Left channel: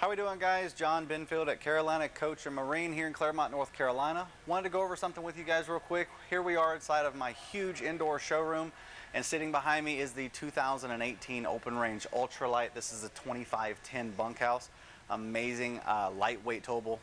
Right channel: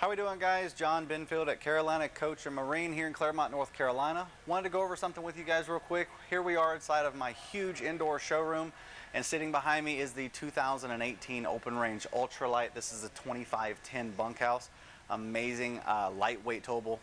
How we doing, guys? John Benfield at Carolina Coach and Marine here in Claremont, North Carolina. Wanted to go over something with you guys real quick. Here we are inside of my huge indoor showroom, and sitting behind me is the 2018 Open Range Ultralight. This is a 2510 bunkhouse. Amazing lightweight towable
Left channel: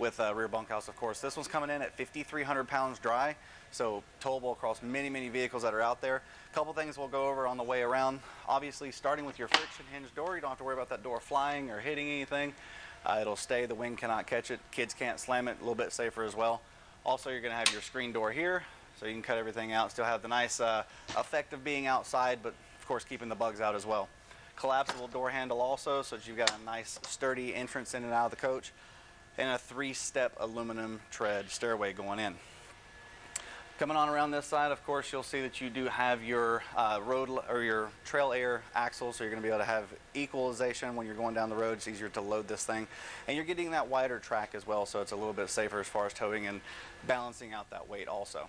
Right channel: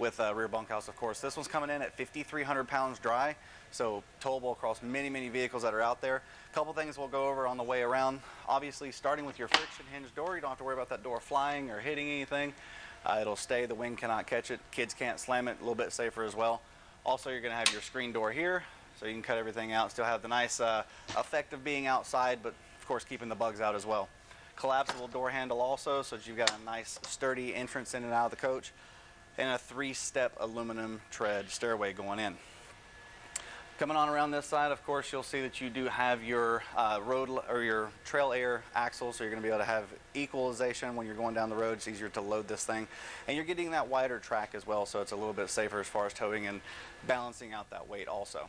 with a rear bunkhouse, of course. This one's coming in at 5,300 pounds dry, so towable across many vehicles that are out there. A couple things we'll go over on the way around. Obviously, starting with your friction hinge door, you don't have to worry about that door flying or hitting anything. It'll stay, the wind cannot catch it, kids can't slam it, a little bit safer as well. Also, you're gonna have your screen door here, so you can cut everything out, still have the nice effect of being outside, but of course keeping the bugs out as well. Collapsible door handle also, so that you've got a nice sturdy entrance in and out of the coach, and a 3-step aluminum tread stairway going in. Coming on around this side, of course, you'll see that you do have your your trail air axle, so you're going to be able to have equalization when you're going down the road. It's easier to load this thing, and you're getting that wider track as well, so it's a little bit safer as far as towing and balancing out that weight also.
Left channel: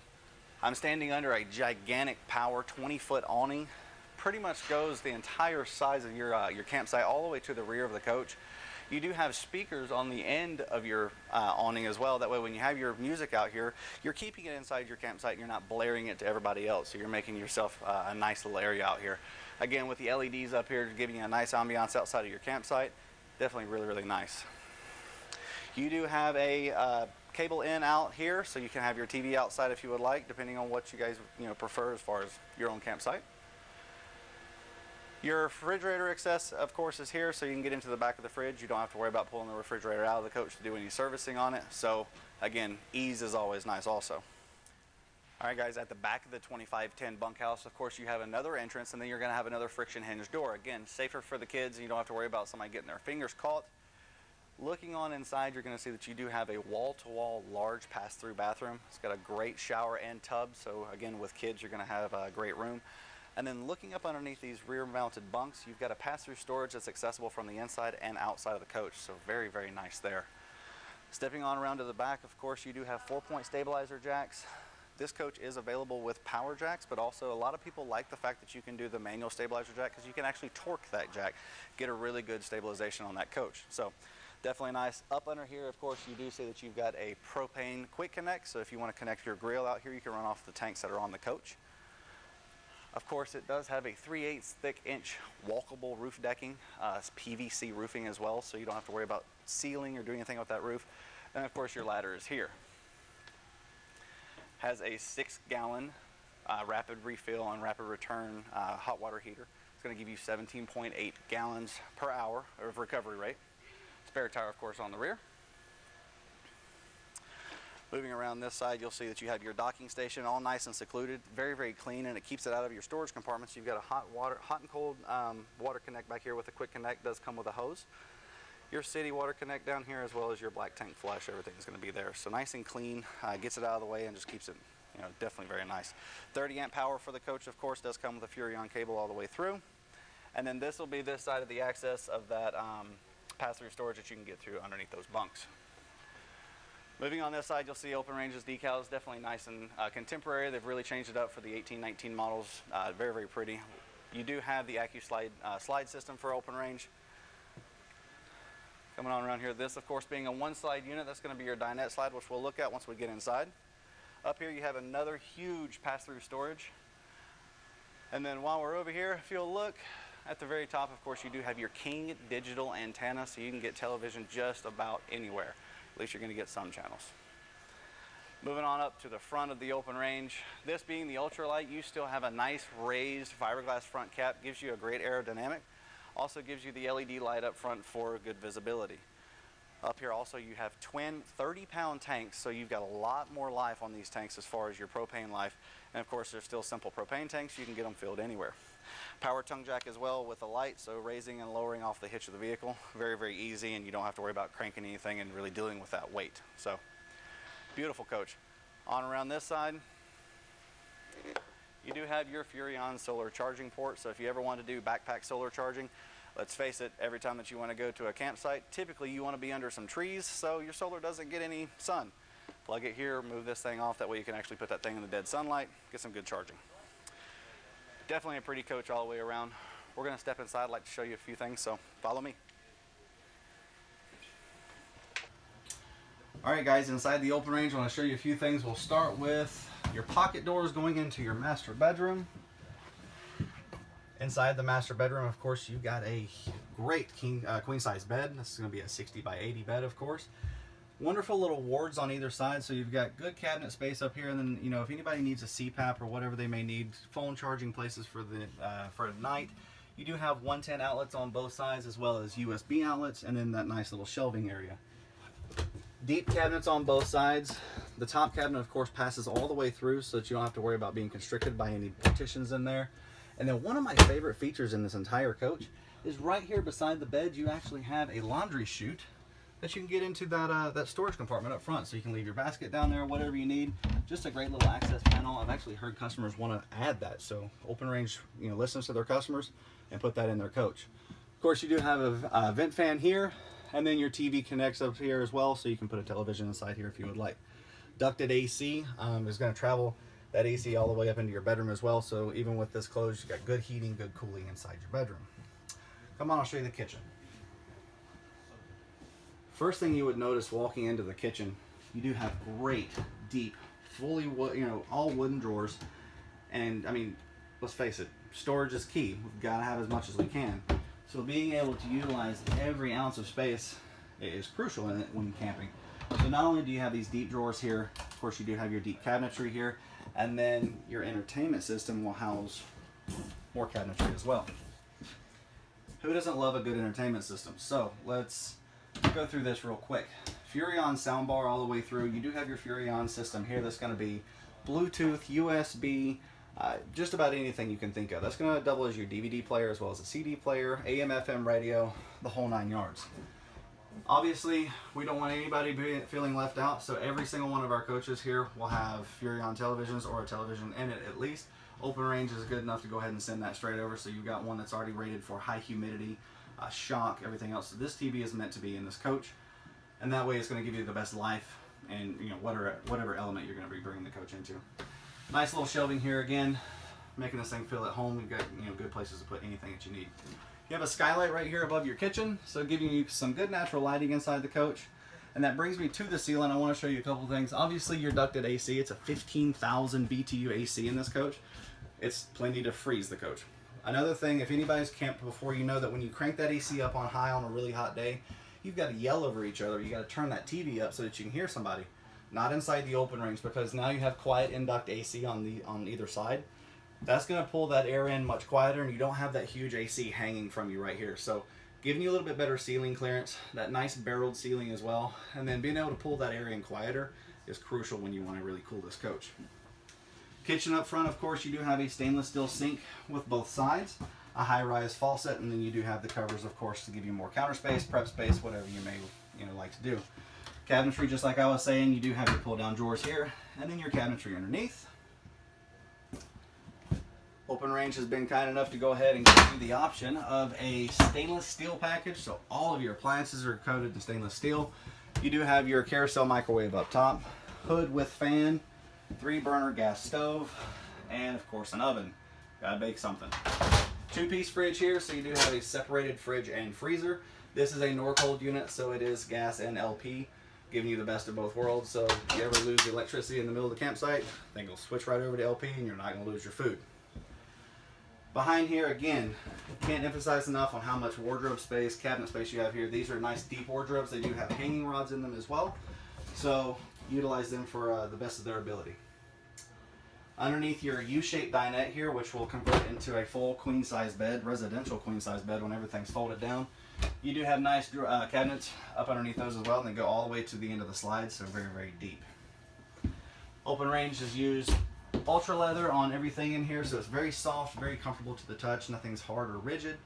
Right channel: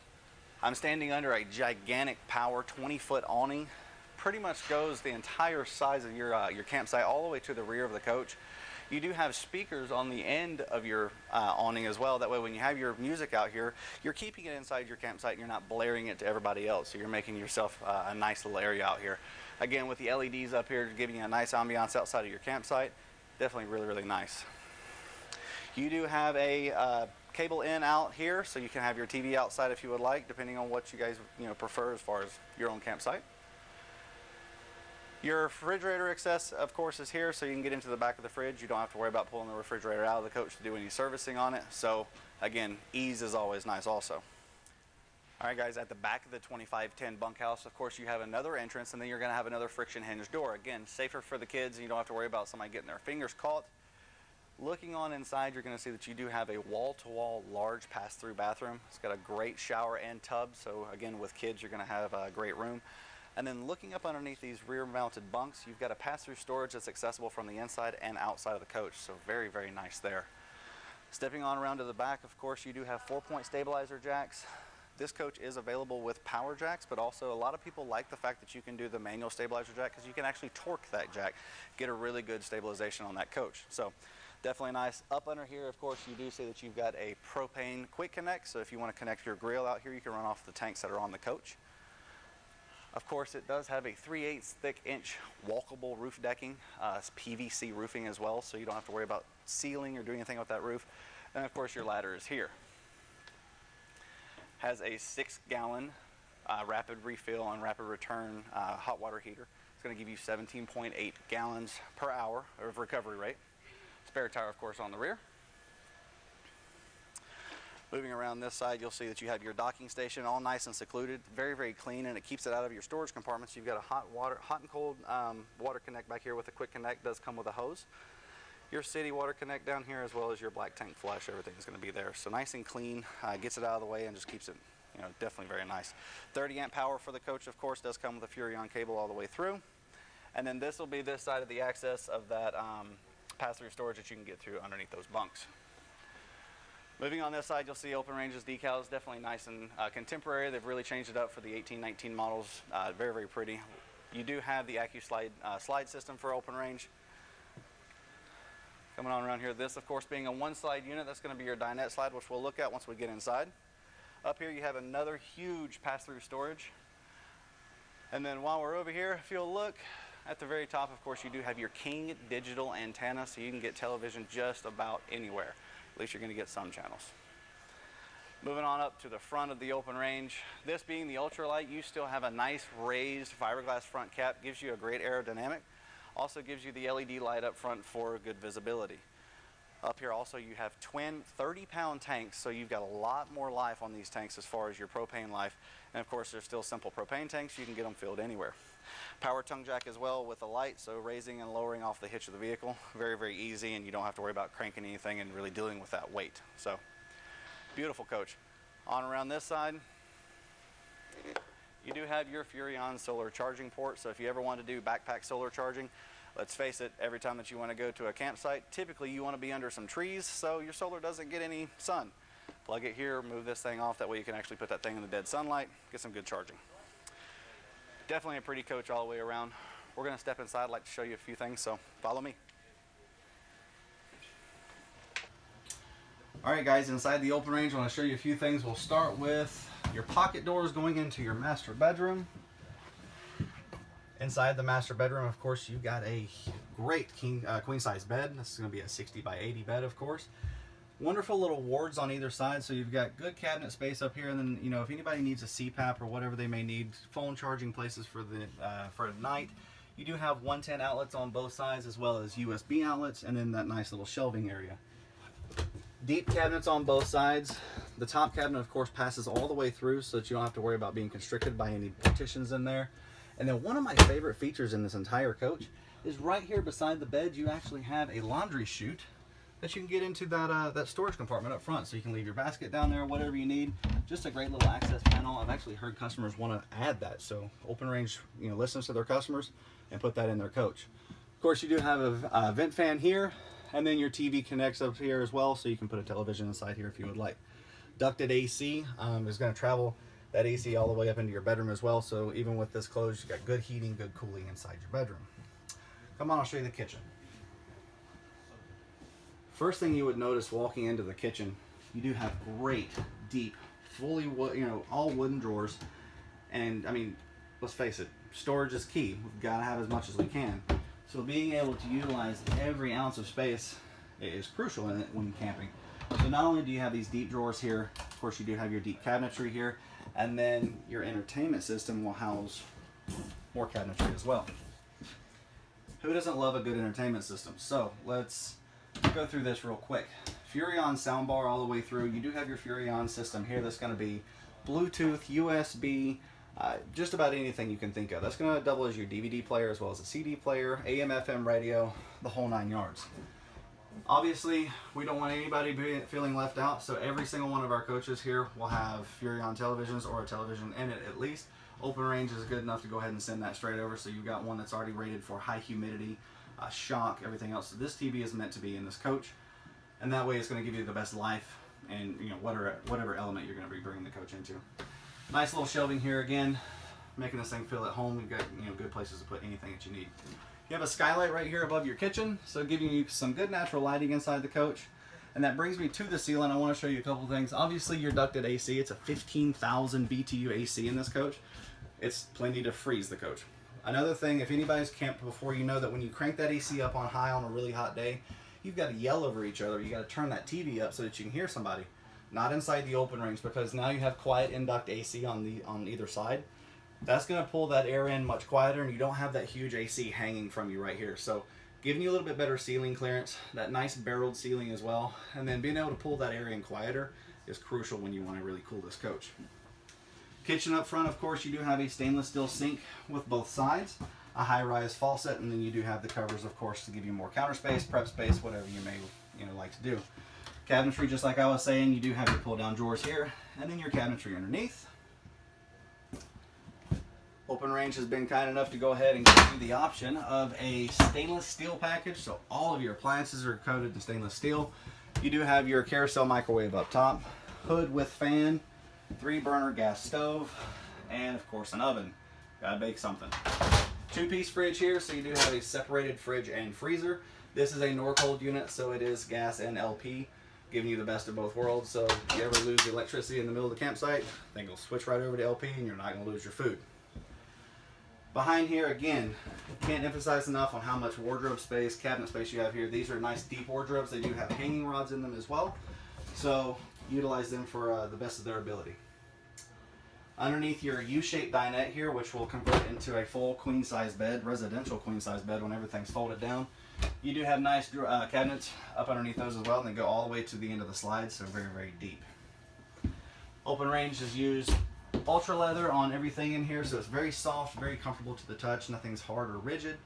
I'm standing under a gigantic power 20-foot awning. Pretty much goes the entire size of your campsite all the way to the rear of the coach. You do have speakers on the end of your awning as well. That way when you have your music out here, you're keeping it inside your campsite and you're not blaring it to everybody else. So you're making yourself a nice little area out here. Again, with the LEDs up here, giving you a nice ambiance outside of your campsite. Definitely really nice. You do have a cable in out here, so you can have your TV outside if you would like, depending on what you guys prefer as far as your own campsite. Your refrigerator access, of course, is here, so you can get into the back of the fridge. You don't have to worry about pulling the refrigerator out of the coach to do any servicing on it. So, again, ease is always nice also. All right, guys, at the back of the 2510 bunkhouse, of course, you have another entrance, and then you're going to have another friction hinge door. Again, safer for the kids, and you don't have to worry about somebody getting their fingers caught. Looking on inside, you're going to see that you do have a wall-to-wall large pass-through bathroom. It's got a great shower and tub, so again, with kids, you're going to have a great room. And then looking up underneath these rear-mounted bunks, you've got a pass-through storage that's accessible from the inside and outside of the coach, so very nice there. Stepping on around to the back, of course, you do have 4-point stabilizer jacks. This coach is available with power jacks, but also a lot of people like the fact that you can do the manual stabilizer jack because you can actually torque that jack, get a really good stabilization on that coach. So definitely nice. Up under here, of course, you do see that you've got a propane quick connect, so if you want to connect your grill out here, you can run off the tanks that are on the coach. Of course, it does have a 3/8 thick inch walkable roof decking. It's PVC roofing as well, so you don't have to worry about sealing or doing anything with that roof. And of course, your ladder is here. Has a 6-gallon rapid refill and rapid return hot water heater. It's going to give you 17.8 gallons per hour of recovery rate. Spare tire, of course, on the rear. Moving around this side, you'll see that you have your docking station all nice and secluded, very clean, and it keeps it out of your storage compartments. You've got a hot and cold water connect back here with a quick connect. Does come with a hose. Your city water connect down here, as well as your black tank flush. Everything's going to be there, so nice and clean. Gets it out of the way and just keeps it, definitely very nice. 30-amp power for the coach, of course, does come with a Furrion cable all the way through. And then this will be this side of the access of that pass-through storage that you can get through underneath those bunks. Moving on this side, you'll see Open Range's decals, definitely nice and contemporary. They've really changed it up for the 18-19 models. Very pretty. You do have the AccuSlide slide system for Open Range. Coming on around here, this, of course, being a one-slide unit, that's going to be your dinette slide, which we'll look at once we get inside. Up here, you have another huge pass-through storage. And then while we're over here, if you'll look at the very top, of course, you do have your King digital antenna, so you can get television just about anywhere. At least you're going to get some channels. Moving on up to the front of the Open Range. This being the Ultralight, you still have a nice raised fiberglass front cap. Gives you a great aerodynamic. Also gives you the LED light up front for good visibility. Up here also you have twin 30-pound tanks, so you've got a lot more life on these tanks as far as your propane life. And of course, they're still simple propane tanks. You can get them filled anywhere. Power tongue jack as well with a light, so raising and lowering off the hitch of the vehicle. Very easy, and you don't have to worry about cranking anything and really dealing with that weight. So, beautiful coach. On around this side, you do have your Furrion solar charging port, so if you ever want to do backpack solar charging, let's face it, every time that you want to go to a campsite, typically you want to be under some trees so your solar doesn't get any sun. Plug it here, move this thing off, that way you can actually put that thing in the dead sunlight, get some good charging. Definitely a pretty coach all the way around. We're going to step inside. I'd like to show you a few things, so follow me. Alright guys, inside the open range I want to show you a few things. We'll start with your pocket doors going into your master bedroom. Inside the master bedroom, of course, you've got a great queen size bed. This is going to be a 60 by 80 bed, of course. Wonderful little wards on either side, so you've got good cabinet space up here. And then, you know, if anybody needs a CPAP or whatever they may need, phone charging places for the night, you do have 110 outlets on both sides as well as USB outlets, and then that nice little shelving area. Deep cabinets on both sides. The top cabinet, of course, passes all the way through so that you don't have to worry about being constricted by any partitions in there. And then one of my favorite features in this entire coach is right here beside the bed, you actually have a laundry chute that you can get into that storage compartment up front. So you can leave your basket down there, whatever you need. Just a great little access panel. I've actually heard customers want to add that. So Open Range, you know, listens to their customers and put that in their coach. Of course, you do have a vent fan here, and then your TV connects up here as well, so you can put a television inside here if you would like. Ducted AC is going to travel that AC all the way up into your bedroom as well, so even with this closed, you got good heating, good cooling inside your bedroom. Come on, I'll show you the kitchen. First thing you would notice walking into the kitchen, you do have great, deep, fully wood, you know, all wooden drawers. And I mean, let's face it, storage is key. We've got to have as much as we can. So being able to utilize every ounce of space is crucial in it when camping. So not only do you have these deep drawers here, of course you do have your deep cabinetry here, and then your entertainment system will house more cabinetry as well. Who doesn't love a good entertainment system? So let's go through this real quick. Furrion soundbar all the way through. You do have your Furrion system here that's going to be Bluetooth, USB, just about anything you can think of. That's going to double as your DVD player as well as a CD player, AM, FM radio, the whole 9 yards. Obviously, we don't want anybody feeling left out, so every single one of our coaches here will have Furrion televisions or a television in it at least. Open Range is good enough to go ahead and send that straight over, so you've got one that's already rated for high humidity, shock, everything else. So this TV is meant to be in this coach, and that way it's going to give you the best life and, you know, whatever element you're going to be bringing the coach into. Nice little shelving here again, making this thing feel at home. You've got, you know, good places to put anything that you need. You have a skylight right here above your kitchen, so giving you some good natural lighting inside the coach. And that brings me to the ceiling. I want to show you a couple things. Obviously, your ducted AC, it's a 15,000 BTU AC in this coach. It's plenty to freeze the coach. Another thing, if anybody's camped before, you know that when you crank that AC up on high on a really hot day, you've got to yell over each other. You got to turn that TV up so that you can hear somebody. Not inside the open range, because now you have quiet induct AC on either side. That's going to pull that air in much quieter, and you don't have that huge AC hanging from you right here. So giving you a little bit better ceiling clearance, that nice barreled ceiling as well, and then being able to pull that air in quieter is crucial when you want to really cool this coach. Kitchen up front, of course, you do have a stainless steel sink with both sides, a high-rise faucet, and then you do have the covers, of course, to give you more counter space, prep space, whatever you may, you know, like to do. Cabinetry, just like I was saying, you do have your pull-down drawers here, and then your cabinetry underneath. Open Range has been kind enough to go ahead and give you the option of a stainless steel package, so all of your appliances are coated in stainless steel. You do have your carousel microwave up top, hood with fan, 3-burner gas stove, and of course an oven. Gotta bake something. 2-piece fridge here, so you do have a separated fridge and freezer. This is a Norcold unit, so it is gas and LP, giving you the best of both worlds. So if you ever lose the electricity in the middle of the campsite, then you'll switch right over to LP and you're not going to lose your food. Behind here, again, can't emphasize enough on how much wardrobe space, cabinet space you have here. These are nice deep wardrobes. They do have hanging rods in them as well, so utilize them for the best of their ability. Underneath your U-shaped dinette here, which will convert into a full queen-size bed, residential queen-size bed when everything's folded down. You do have nice cabinets up underneath those as well, and they go all the way to the end of the slide, so very, very deep. Open Range has used ultra leather on everything in here, so it's very soft, very comfortable to the touch. Nothing's hard or rigid.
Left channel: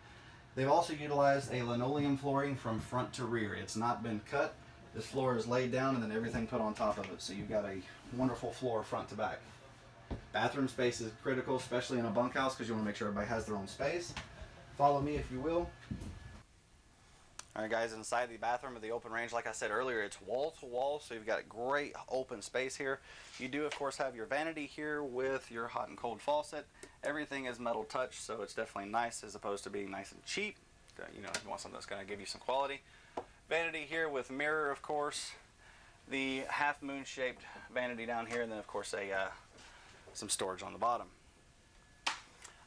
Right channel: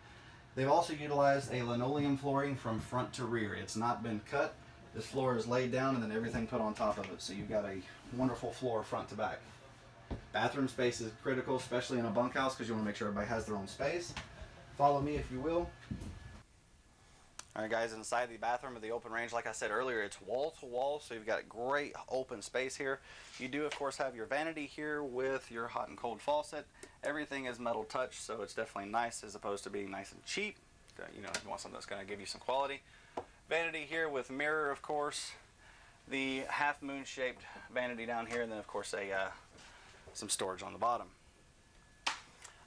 They've also utilized a linoleum flooring from front to rear. It's not been cut. This floor is laid down and then everything put on top of it, so you've got a wonderful floor front to back. Bathroom space is critical, especially in a bunkhouse, because you want to make sure everybody has their own space. Follow me if you will. Alright guys, inside the bathroom of the Open Range, like I said earlier, it's wall to wall, so you've got great open space here. You do of course have your vanity here with your hot and cold faucet. Everything is metal touch, so it's definitely nice as opposed to being nice and cheap. You know, if you want something that's going to give you some quality. Vanity here with mirror, of course. the half moon shaped vanity down here, and then of course some storage on the bottom.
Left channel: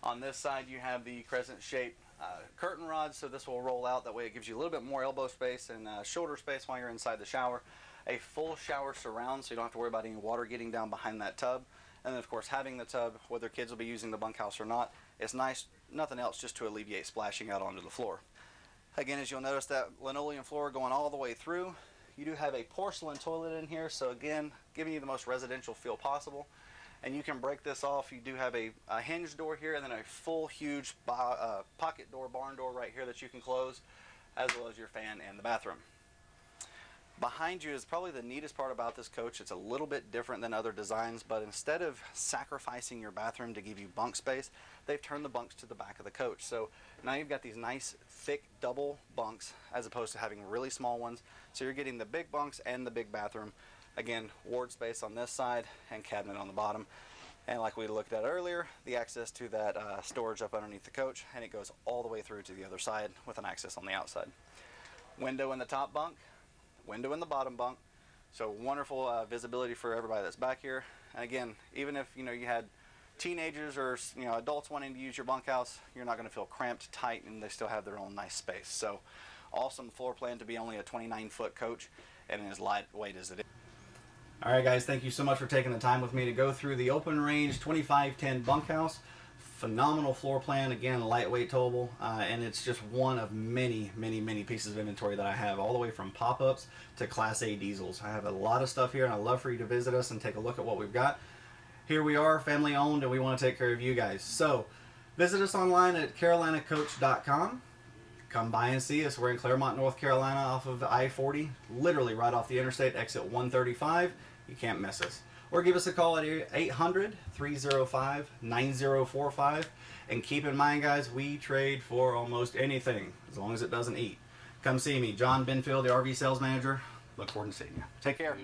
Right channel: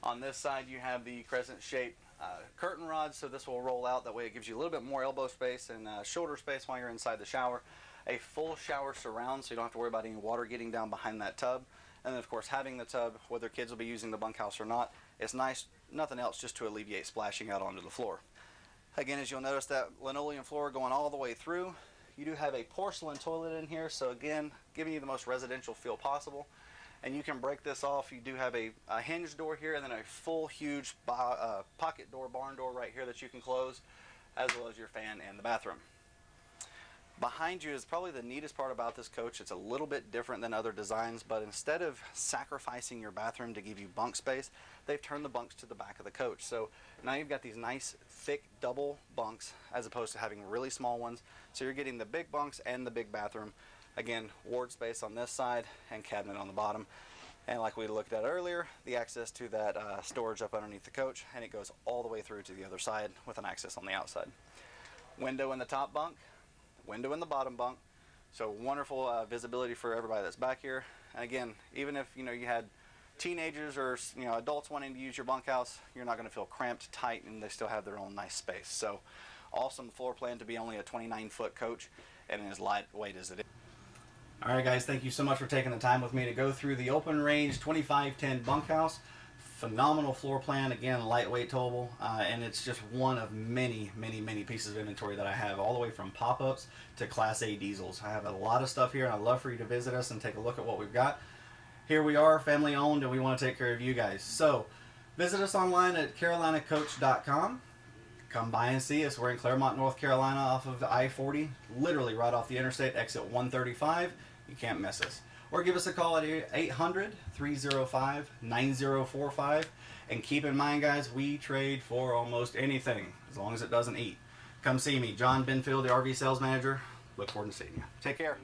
On this side you have the crescent shaped curtain rods, so this will roll out. That way it gives you a little bit more elbow space and shoulder space while you're inside the shower. A full shower surround, so you don't have to worry about any water getting down behind that tub. And then of course having the tub, whether kids will be using the bunkhouse or not, it's nice, nothing else, just to alleviate splashing out onto the floor. Again, as you'll notice, that linoleum floor going all the way through. You do have a porcelain toilet in here, so again, giving you the most residential feel possible. And you can break this off. You do have a hinge door here, and then a full huge pocket door, barn door right here that you can close, as well as your fan and the bathroom. Behind you is probably the neatest part about this coach. It's a little bit different than other designs, but instead of sacrificing your bathroom to give you bunk space, they've turned the bunks to the back of the coach. So now you've got these nice thick double bunks as opposed to having really small ones. So you're getting the big bunks and the big bathroom. Again, ward space on this side and cabinet on the bottom. And like we looked at earlier, the access to that storage up underneath the coach, and it goes all the way through to the other side with an access on the outside. Window in the top bunk, window in the bottom bunk, so wonderful visibility for everybody that's back here. And again, even if you had teenagers or adults wanting to use your bunkhouse, you're not going to feel cramped, tight, and they still have their own nice space. So awesome floor plan to be only a 29-foot coach and as lightweight as it is. All right, guys, thank you so much for taking the time with me to go through the open range 2510 bunkhouse. Phenomenal floor plan, again, lightweight towable, and it's just one of many, many, many pieces of inventory that I have, all the way from pop-ups to Class A diesels. I have a lot of stuff here, and I'd love for you to visit us and take a look at what we've got. Here we are, family owned, and we want to take care of you guys. So visit us online at carolinacoach.com. Come by and see us. We're in Claremont, North Carolina, off of I-40, literally right off the interstate, exit 135. You can't miss us. Or give us a call at 800-305-9045. And keep in mind, guys, we trade for almost anything, as long as it doesn't eat. Come see me, John Benfield, the RV sales manager. Look forward to seeing you. Take care.